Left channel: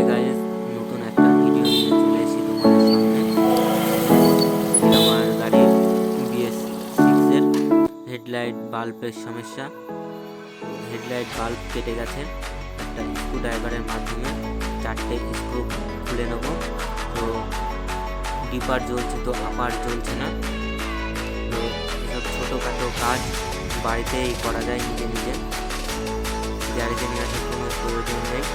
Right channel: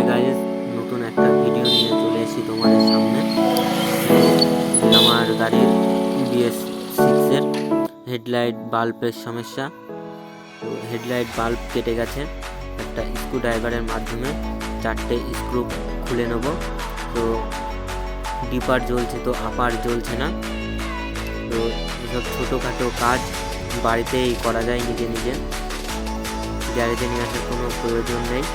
Hi guys, নতুন একটা video নিয়ে চলে এসেছি তোমাদের সামনে। আমার গাড়ির BS6-এর হেডলাইট বাল্বের সমস্যা। তো হেডলাইট বাল্ব কেটে গেছে, একটা স্ক্রু ড্রাইভারের মাধ্যমে 4টে স্ক্রু খুলে নেব। তো ডিপার জ্বলছে, তো আপার জ্বলছে না। তো এসব ছোটোখাটো কাজ বাড়িতেই করা যায় নিজে নিজে, গ্যারেজে নিয়ে আসার কোনো প্রয়োজন নেই।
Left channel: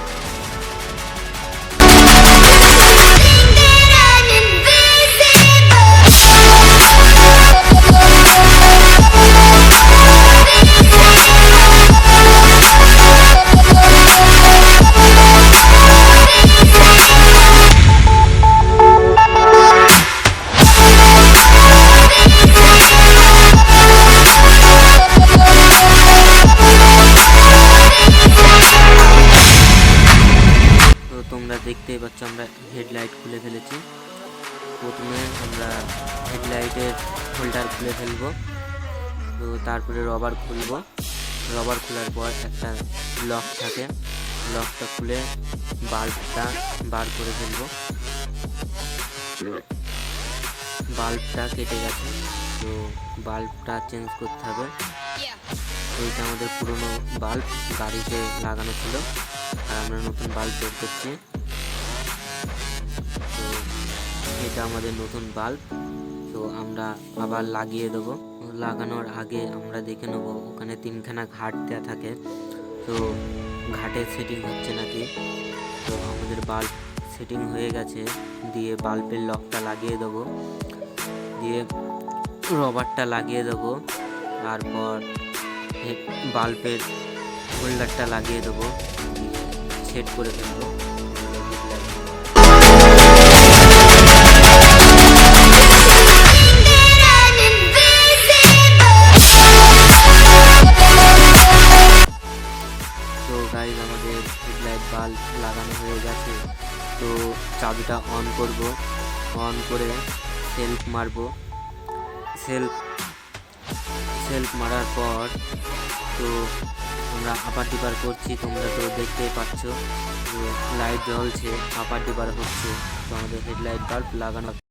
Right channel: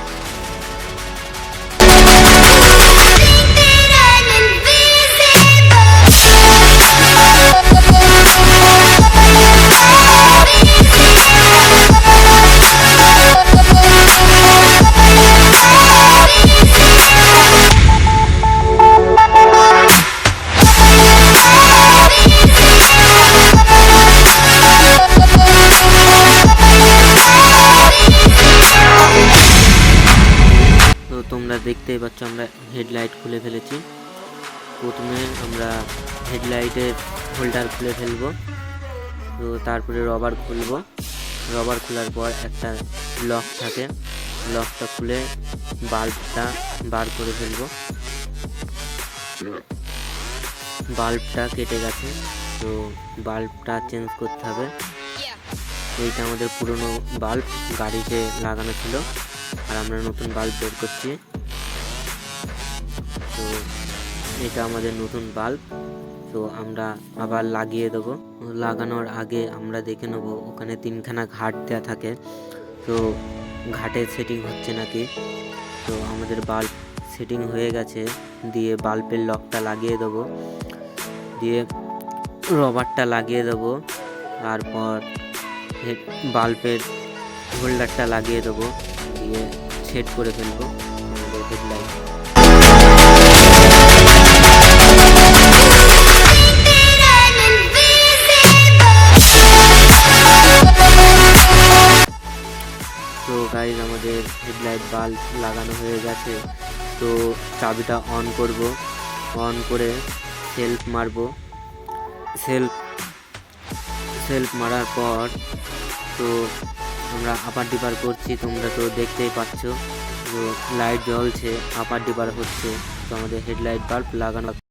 তো তোমরা দেখতেই পাচ্ছ, আমরা হেডলাইট খুলে ফেলেছি। প্রথমে আমরা হেডলাইটের হোল্ডার খুলে ফেলবো, তো তারপরে রবার খুলবো। রবার খোলার পর একটা লক থাকে, লকটা খুলে বাল্বটা বার করে ফেলবো। বাল্বটা কেটে গেছে, তো বাল্বটা চেঞ্জ করতে হবে। এইটা আমাদের পুরনো বাল্ব, গাড়িতে লাগানো ছিল, আর আমরা নতুন বাল্ব বের করছি। তো এটা আমাদের নতুন বাল্ব, তো আমরা আবার লাগিয়ে দেবো। লাগানোর আগে আমরা দেখে নেবো ওখানে 3খানা ঘাট দেওয়া থাকে, তো ঘাটে সেটিং হচ্ছে নাকি। তো আমাদের বাল্ব সেটিং হয়ে গেছে, দিয়ে বাল্বের লকটা লাগিয়ে দেবো, দিয়ে রবারটা লাগিয়ে দেবো, তারপর বাল্বের হোল্ডারটা লাগিয়ে দেবো, দিয়ে সেট করে ফেলবো আমাদের হেডলাইট। তো গাইজ, আমাদের হেডলাইট বাল্ব লাগানো হয়ে গেছে। তো চাবিটা অন করব, অন করে সেলফ মারবো। সেলফ মারার পর তো আমরা আপার ডিপার করছি, তোমরা তো দেখতেই পাচ্ছ, তো লাইট জ্বলছে, আপার ডিপার হচ্ছে। তো আমাদের হেডলাইট বাল্ব লাগানো